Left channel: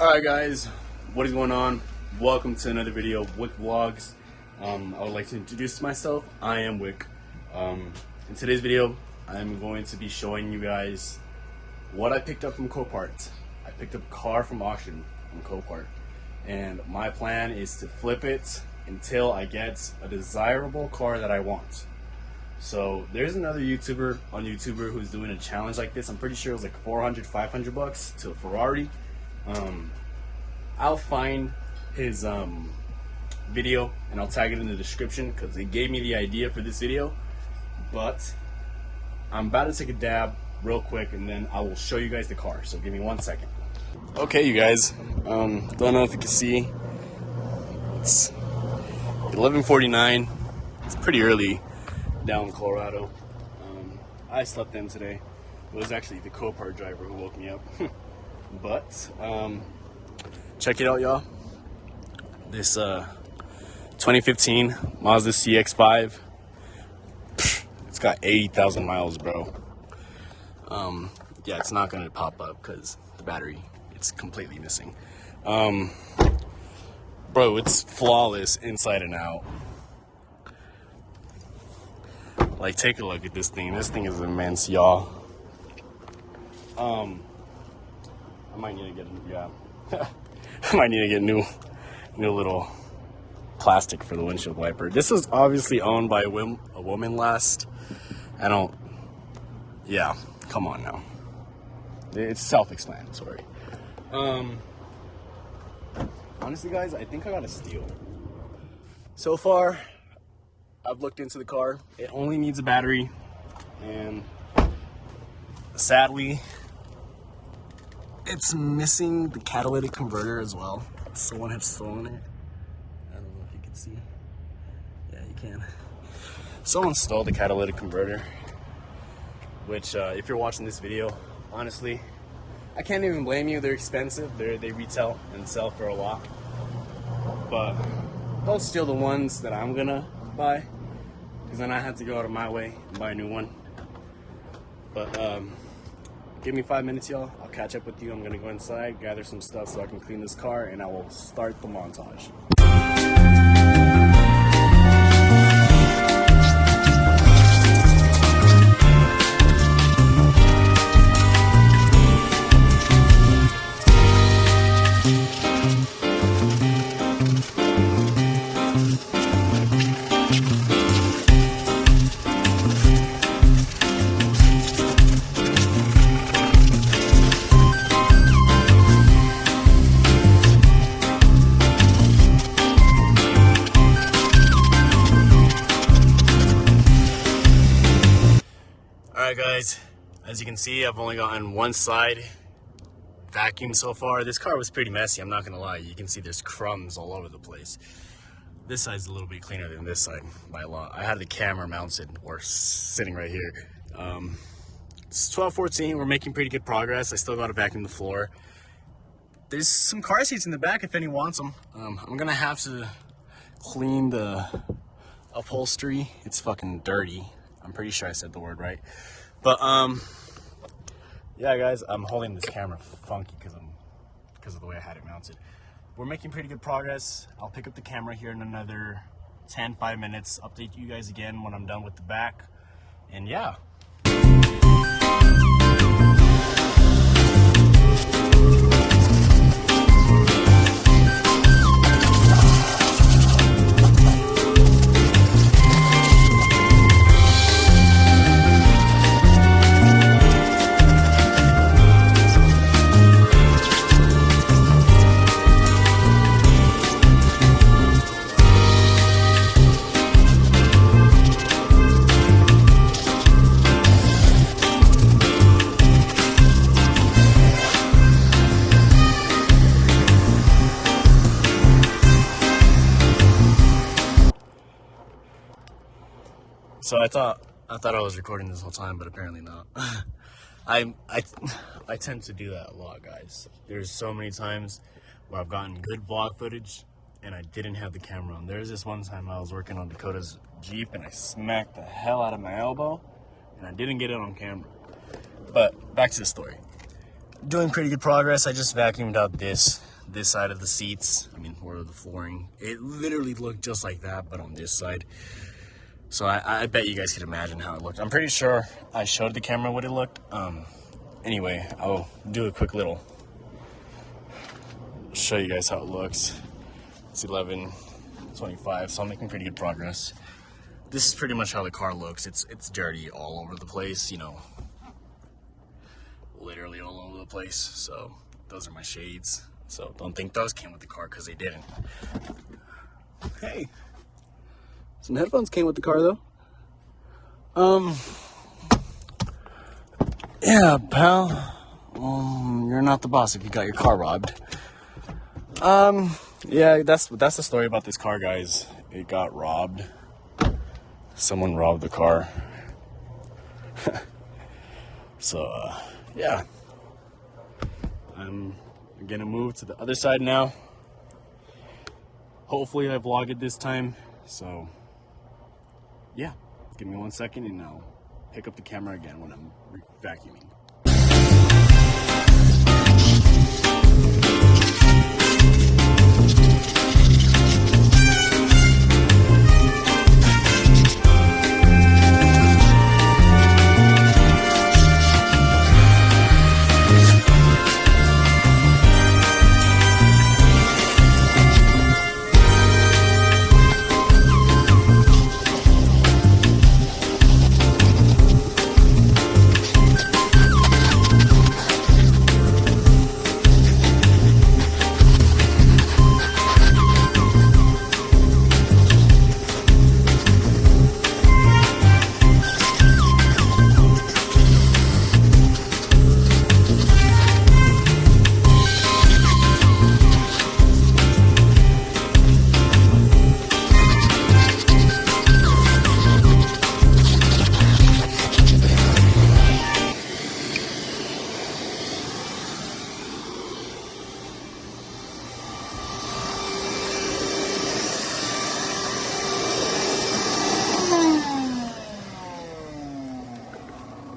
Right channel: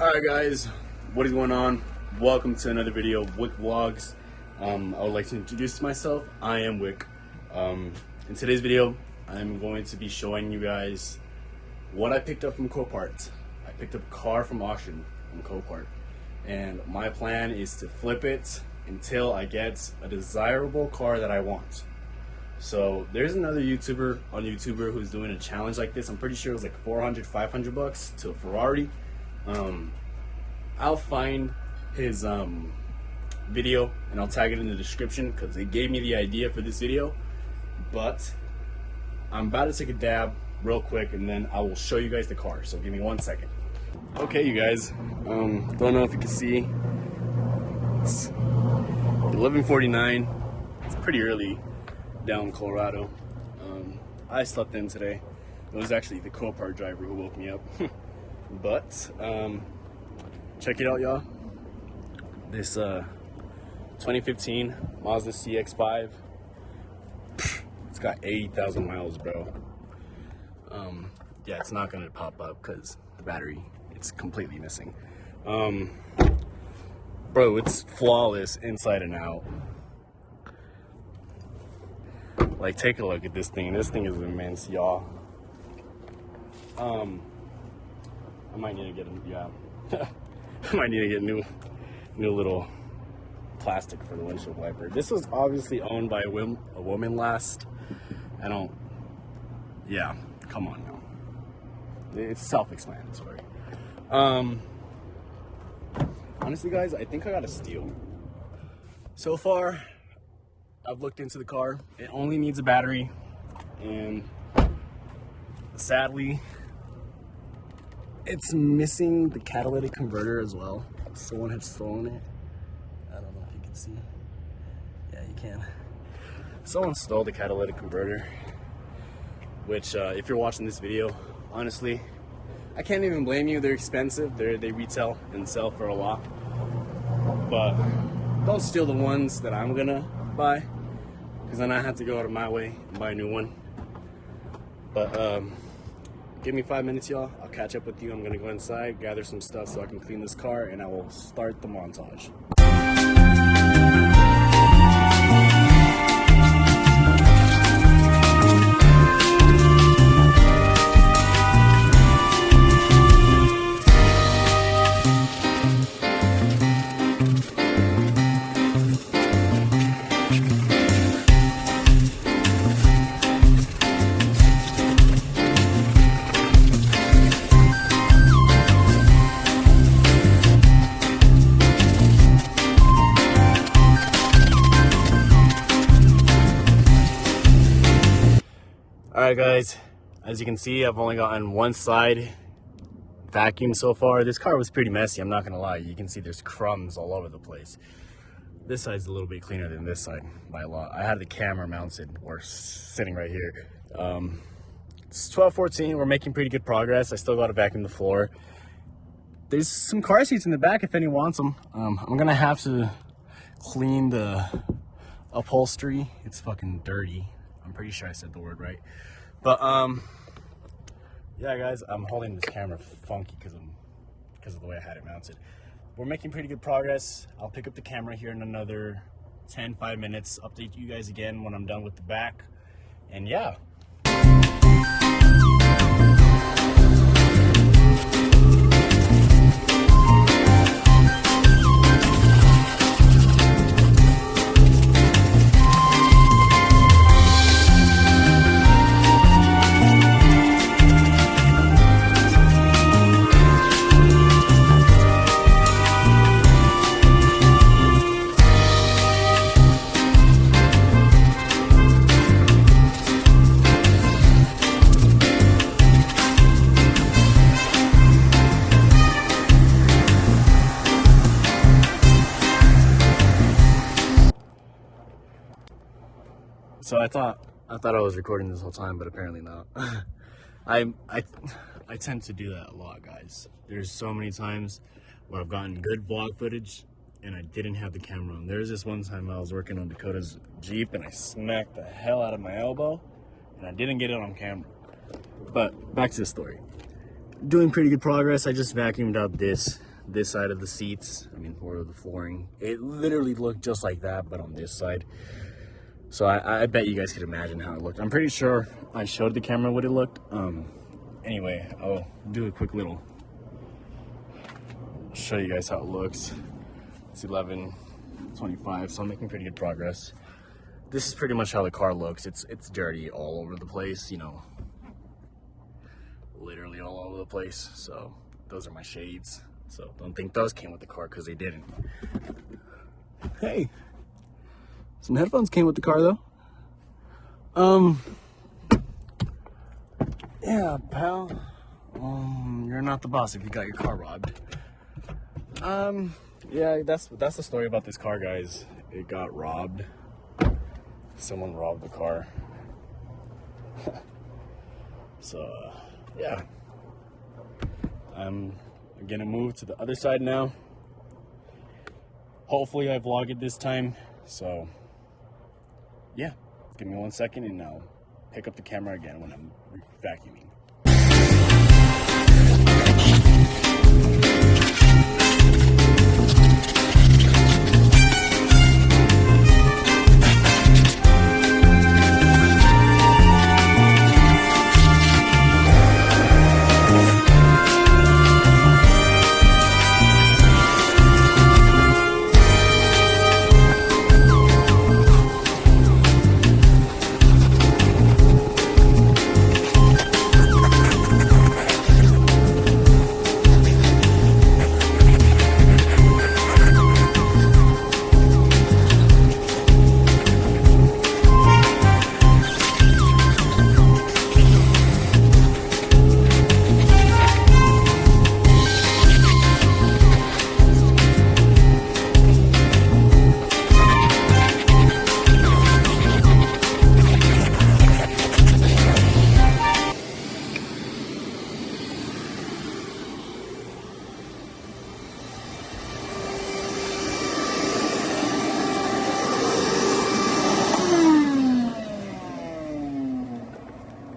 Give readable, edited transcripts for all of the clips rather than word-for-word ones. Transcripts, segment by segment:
Alright guys, what is going on? Welcome to another video of Wick Vlogs. I would like to introduce myself. I am Wick. In today's video, I'm going to be showing you guys what I picked up from Copart. I picked up a car from auction from Copart, and my plan is to flip it until I get a desirable car that I want. So there's another YouTuber on YouTube who's doing a challenge like this. I'm pretty sure it was like 400, 500 bucks to a Ferrari. I'll find his video and I'll tag it in the description because they gave me the idea for this video. But I'm about to take a dab real quick and then I will show you guys the car. So give me 1 second. Okay, you guys. Don't know if you can see. It's 11:49. It's pretty early down in Colorado. I slept in today. It was actually the Copart driver who woke me up. But check it out, y'all. This 2015 Mazda CX-5. It's got 80,000 miles, bro. Yeah, it's not gonna pop up because the battery, it's completely missing. Bro, it's flawless inside and out. Like, take a look at this thing. This thing is immense, y'all. I might need to get I might need to get new little plastic for the windshield wiper. This was obviously owned by a woman last. Yeah, come on now. It's self-explanatory. Honestly, guys, I think I got a steal. So far, I've looked into the car. It only needs a battery, and sadly, it's missing the catalytic converter as well. Someone had stolen it. I don't know if you can see. Yeah, you can. Someone stole the catalytic converter, which if you're watching this video, honestly, I can't even blame you. They're expensive. They retail and sell for a lot. But don't steal the ones that I'm gonna buy, because then I have to go out of my way and buy a new one. But give me 5 minutes, y'all. I'll catch up with you. I'm gonna go inside, gather some stuff so I can clean this car, and I will start the montage. Alright guys, as you can see, I've only gotten one side vacuumed so far. This car was pretty messy, I'm not gonna lie. You can see there's crumbs all over the place. This side's a little bit cleaner than this side by a lot. I had the camera mounted or sitting right here. It's 12:14, we're making pretty good progress. I still gotta vacuum the floor. There's some car seats in the back if anyone wants them. I'm gonna have to clean the upholstery. It's fucking dirty. I'm pretty sure I said the word right. But yeah guys, I'm holding this camera funky because of the way I had it mounted. We're making pretty good progress. I'll pick up the camera here in another 5 minutes, update you guys again when I'm done with the back, and yeah. So I thought I was recording this whole time, but apparently not. I tend to do that a lot, guys. There's so many times where I've gotten good vlog footage and I didn't have the camera on. There's this one time I was working on Dakota's Jeep and I smacked the hell out of my elbow and I didn't get it on camera. But back to the story. doing pretty good progress. I just vacuumed out this side of the seats. I mean, or the flooring. It literally looked just like that, but on this side. So I bet you guys could imagine how it looked. I'm pretty sure I showed the camera what it looked. Anyway, I'll do a quick little show you guys how it looks. It's 11:25, so I'm making pretty good progress. This is pretty much how the car looks. It's dirty all over the place, you know, literally all over the place. So those are my shades. So don't think those came with the car, because they didn't. Hey, some headphones came with the car though. Yeah, pal. You're not the boss if you got your car robbed. Yeah, that's the story about this car, guys. It got robbed. Someone robbed the car. So, yeah. I'm gonna move to the other side now. Hopefully I vlog it this time. So, yeah. Give me 1 second and I'll pick up the camera again when I'm vacuuming.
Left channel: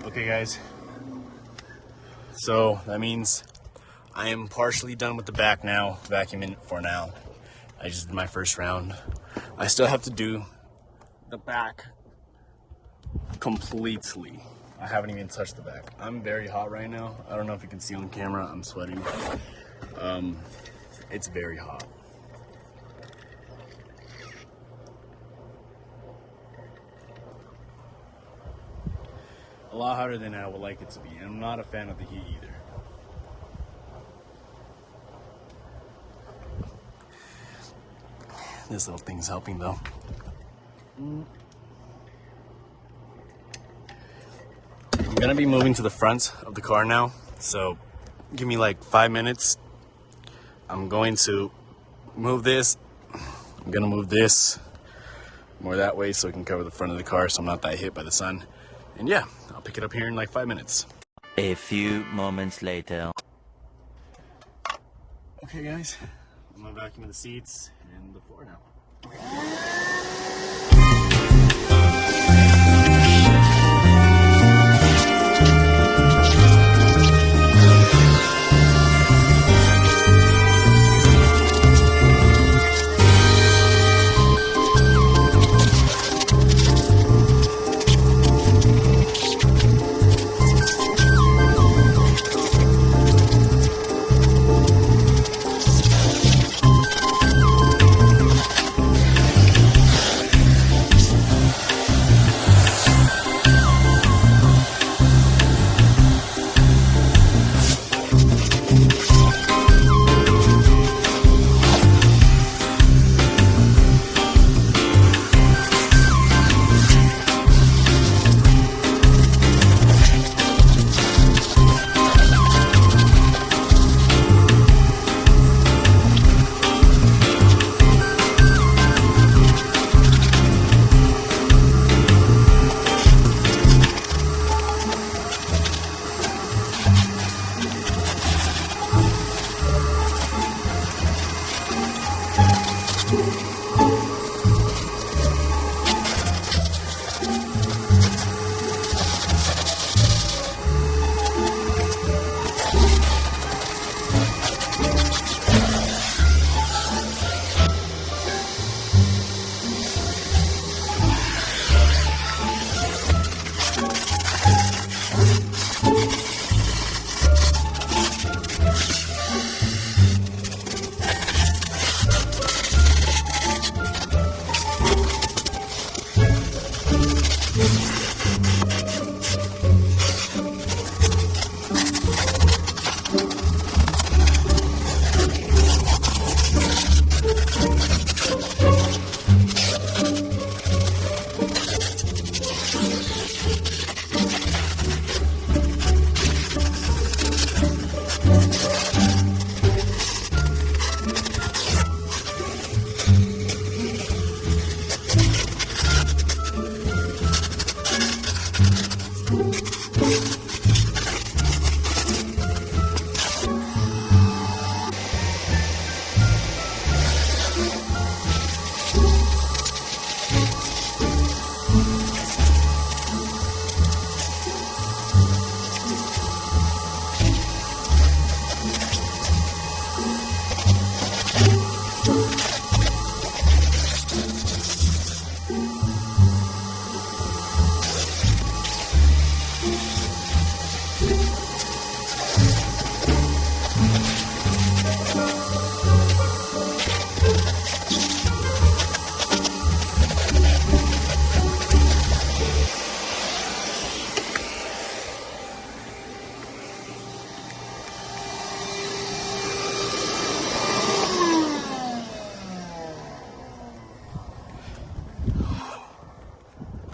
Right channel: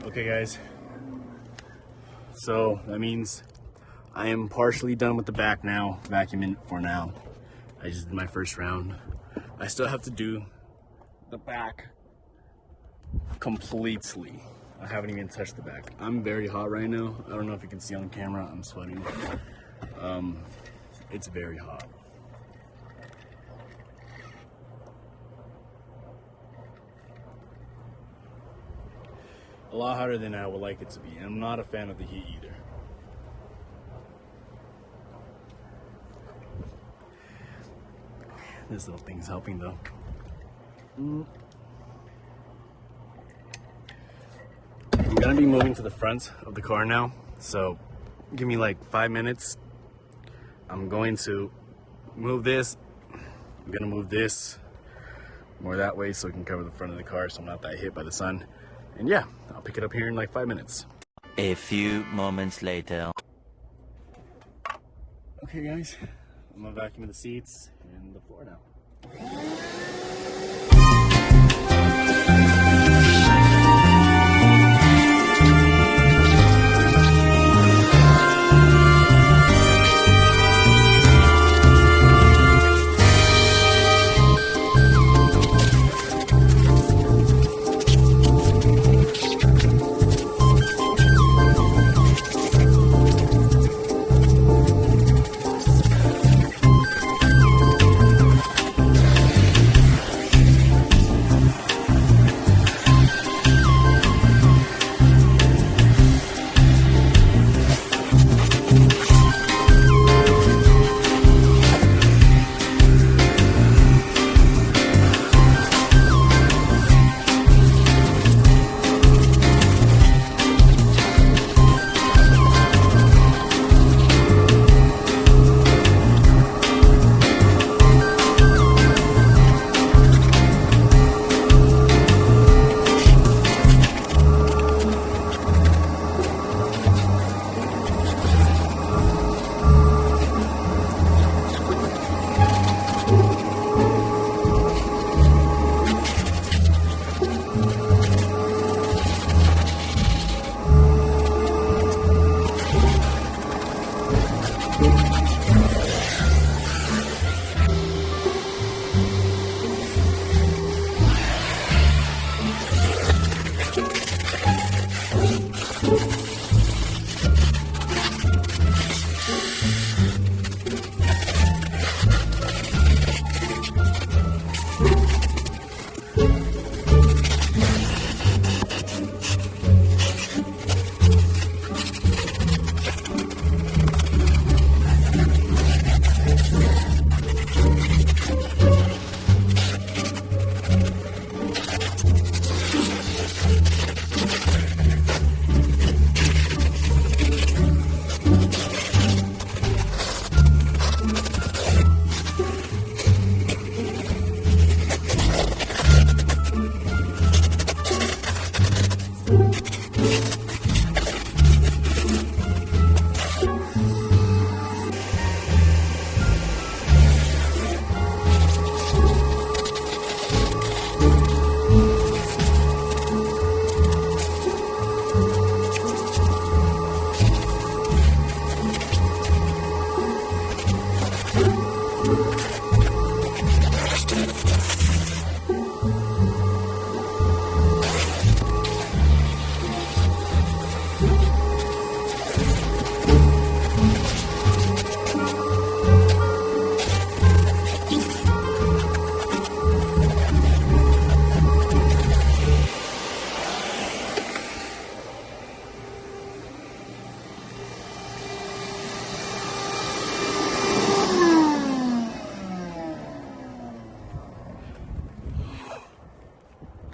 Okay guys, so that means I am partially done with the back now, vacuuming for now. I just did my first round. I still have to do the back completely. I haven't even touched the back. I'm very hot right now. I don't know if you can see on camera, I'm sweating. It's very hot. A lot hotter than I would like it to be. And I'm not a fan of the heat either. This little thing's helping though. I'm gonna be moving to the front of the car now. So give me like 5 minutes. I'm going to move this. I'm gonna move this more that way so it can cover the front of the car so I'm not that hit by the sun. And yeah, I'll pick it up here in like 5 minutes. A few moments later. Okay guys, I'm gonna vacuum the seats and the floor now.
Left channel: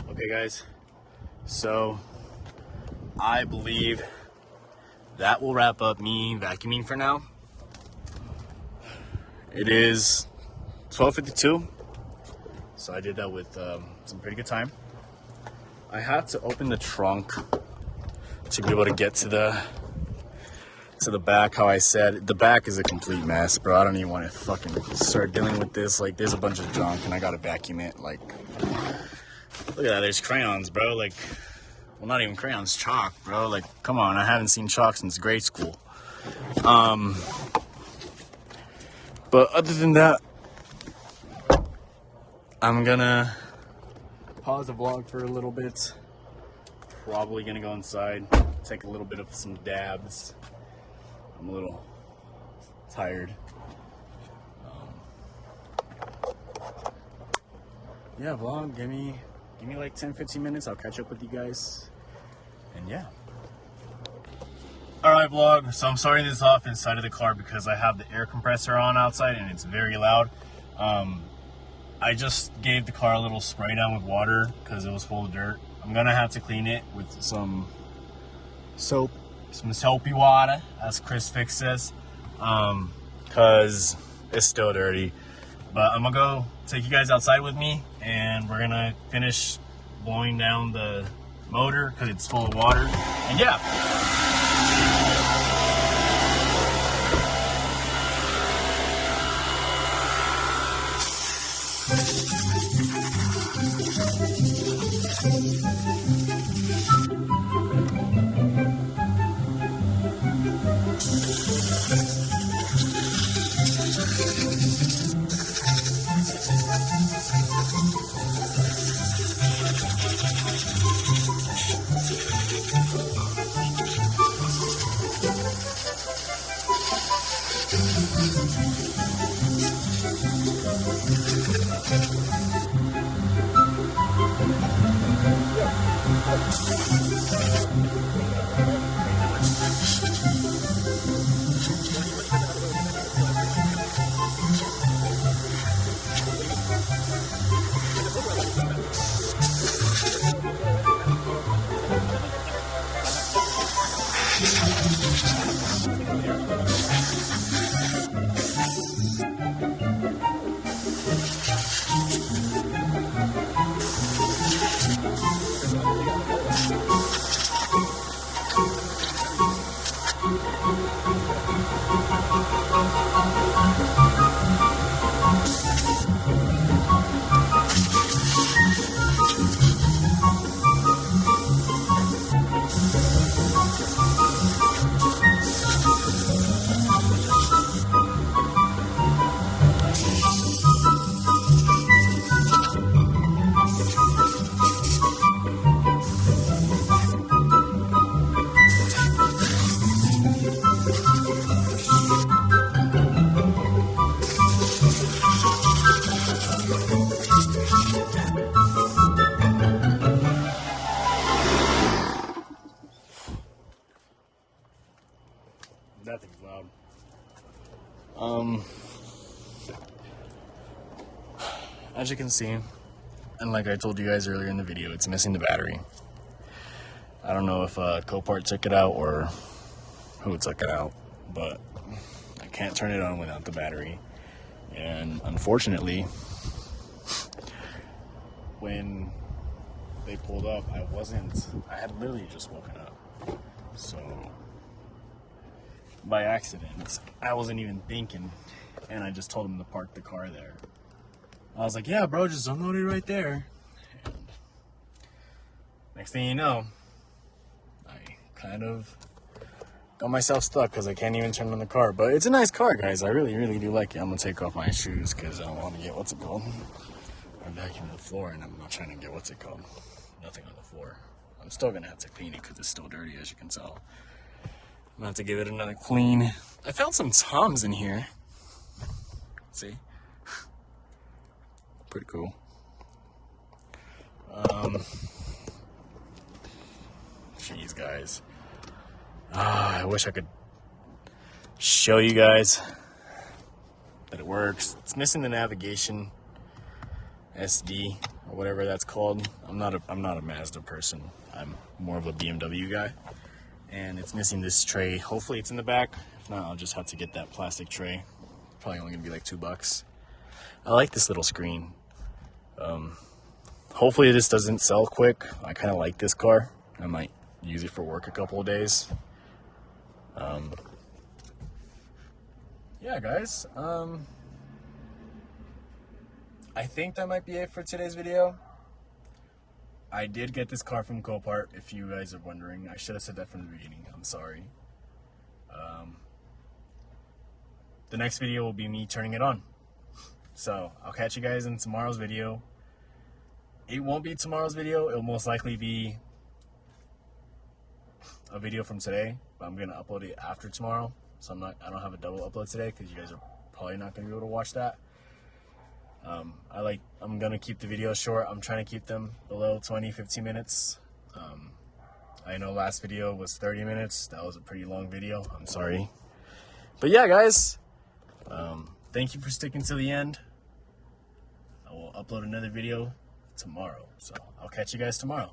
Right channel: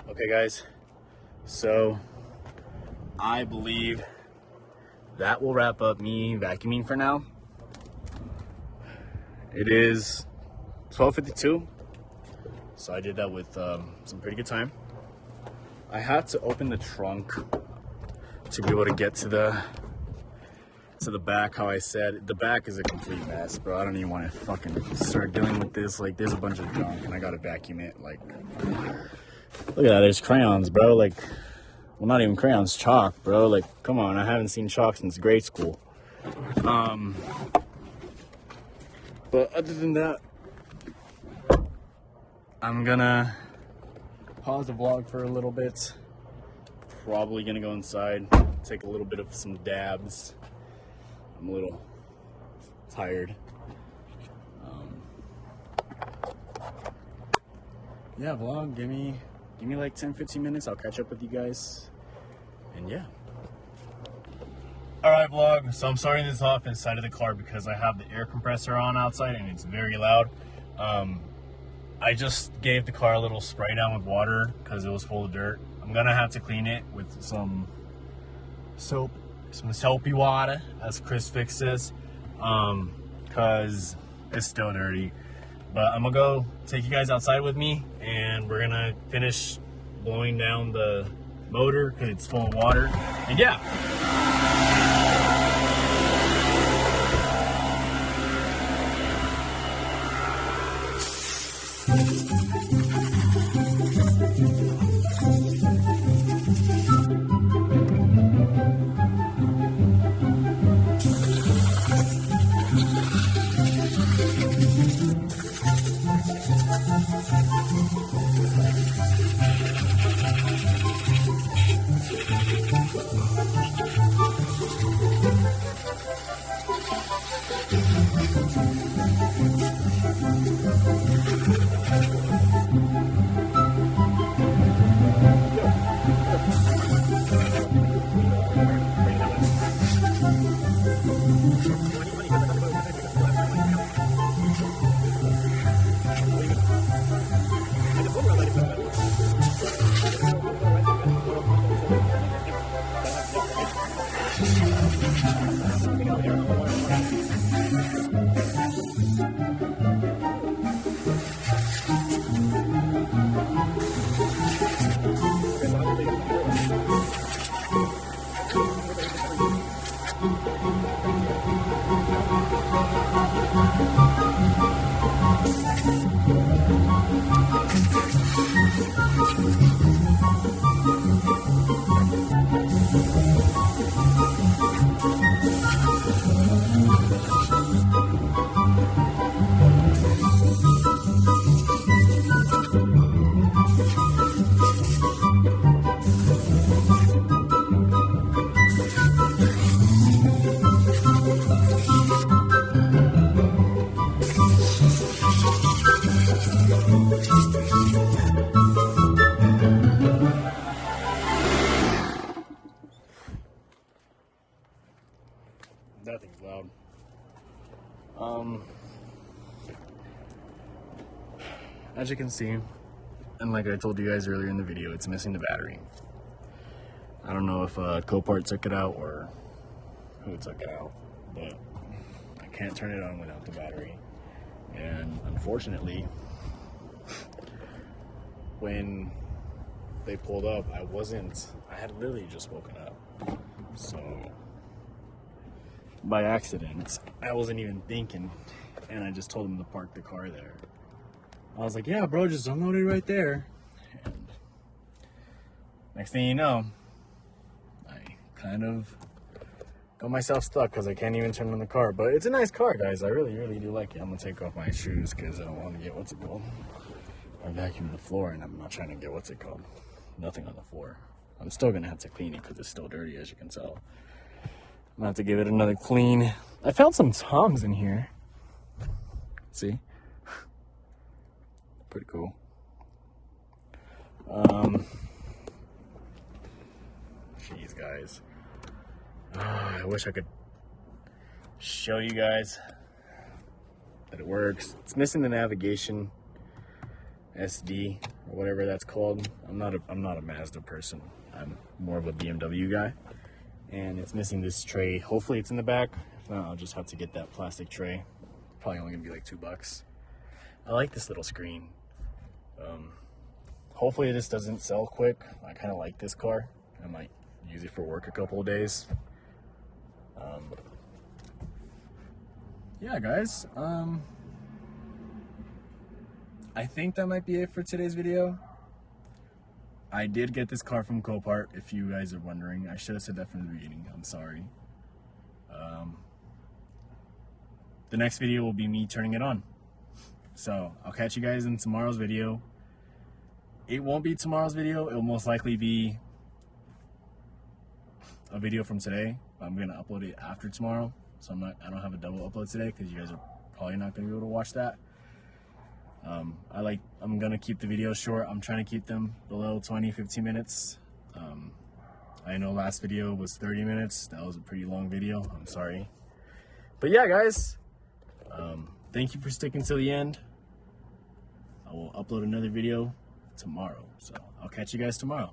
Okay guys, so I believe that will wrap up me vacuuming for now. It is 12:52, so I did that with some pretty good time. I had to open the trunk to be able to get to the back. How I said, the back is a complete mess, bro. I don't even want to fucking start dealing with this. Like, there's a bunch of junk and I gotta vacuum it. Like, look at that, there's crayons, bro. Like, well, not even crayons, chalk, bro. Like, come on, I haven't seen chalk since grade school. But other than that, I'm gonna pause the vlog for a little bit. Probably gonna go inside, take a little bit of some dabs. I'm a little tired. Yeah, vlog, give me like 10-15 minutes. I'll catch up with you guys, and yeah. All right, vlog, so I'm starting this off inside of the car because I have the air compressor on outside and it's very loud. I just gave the car a little spray down with water because it was full of dirt. I'm gonna have to clean it with some soap, some soapy water, as Chris Fix says, because it's still dirty. But I'm gonna go take you guys outside with me and we're gonna finish blowing down the motor because it's full of water. And yeah. As you can see, and like I told you guys earlier in the video, it's missing the battery. I don't know if Copart took it out or who took it out, but I can't turn it on without the battery. And unfortunately, when they pulled up, I had literally just woken up. So by accident, I wasn't even thinking, and I just told them to park the car there. I was like, yeah, bro, just unload it right there. And next thing you know, I kind of got myself stuck because I can't even turn on the car. But it's a nice car, guys. I really, really do like it. I'm going to take off my shoes because I don't want to get, what's it called? I vacuumed the floor, and I'm not trying to get, what's it called? Nothing on the floor. I'm still going to have to clean it because it's still dirty, as you can tell. I'm going to have to give it another clean. I found some Toms in here. See? Pretty cool. Jeez, guys. I wish I could show you guys that it works. It's missing the navigation SD or whatever that's called. I'm not a Mazda person. I'm more of a BMW guy. And it's missing this tray. Hopefully it's in the back. If not, I'll just have to get that plastic tray. Probably only gonna be like $2. I like this little screen. Hopefully this doesn't sell quick. I kind of like this car. I might use it for work a couple of days. Yeah, guys. I think that might be it for today's video. I did get this car from Copart, if you guys are wondering. I should have said that from the beginning. I'm sorry. The next video will be me turning it on. So I'll catch you guys in tomorrow's video. It won't be tomorrow's video. It'll most likely be a video from today, but I'm gonna upload it after tomorrow. So I don't have a double upload today because you guys are probably not gonna be able to watch that. I'm gonna keep the videos short. I'm trying to keep them below 20-15 minutes. I know last video was 30 minutes. That was a pretty long video. I'm sorry. But yeah, guys, thank you for sticking to the end. I will upload another video tomorrow. So I'll catch you guys tomorrow.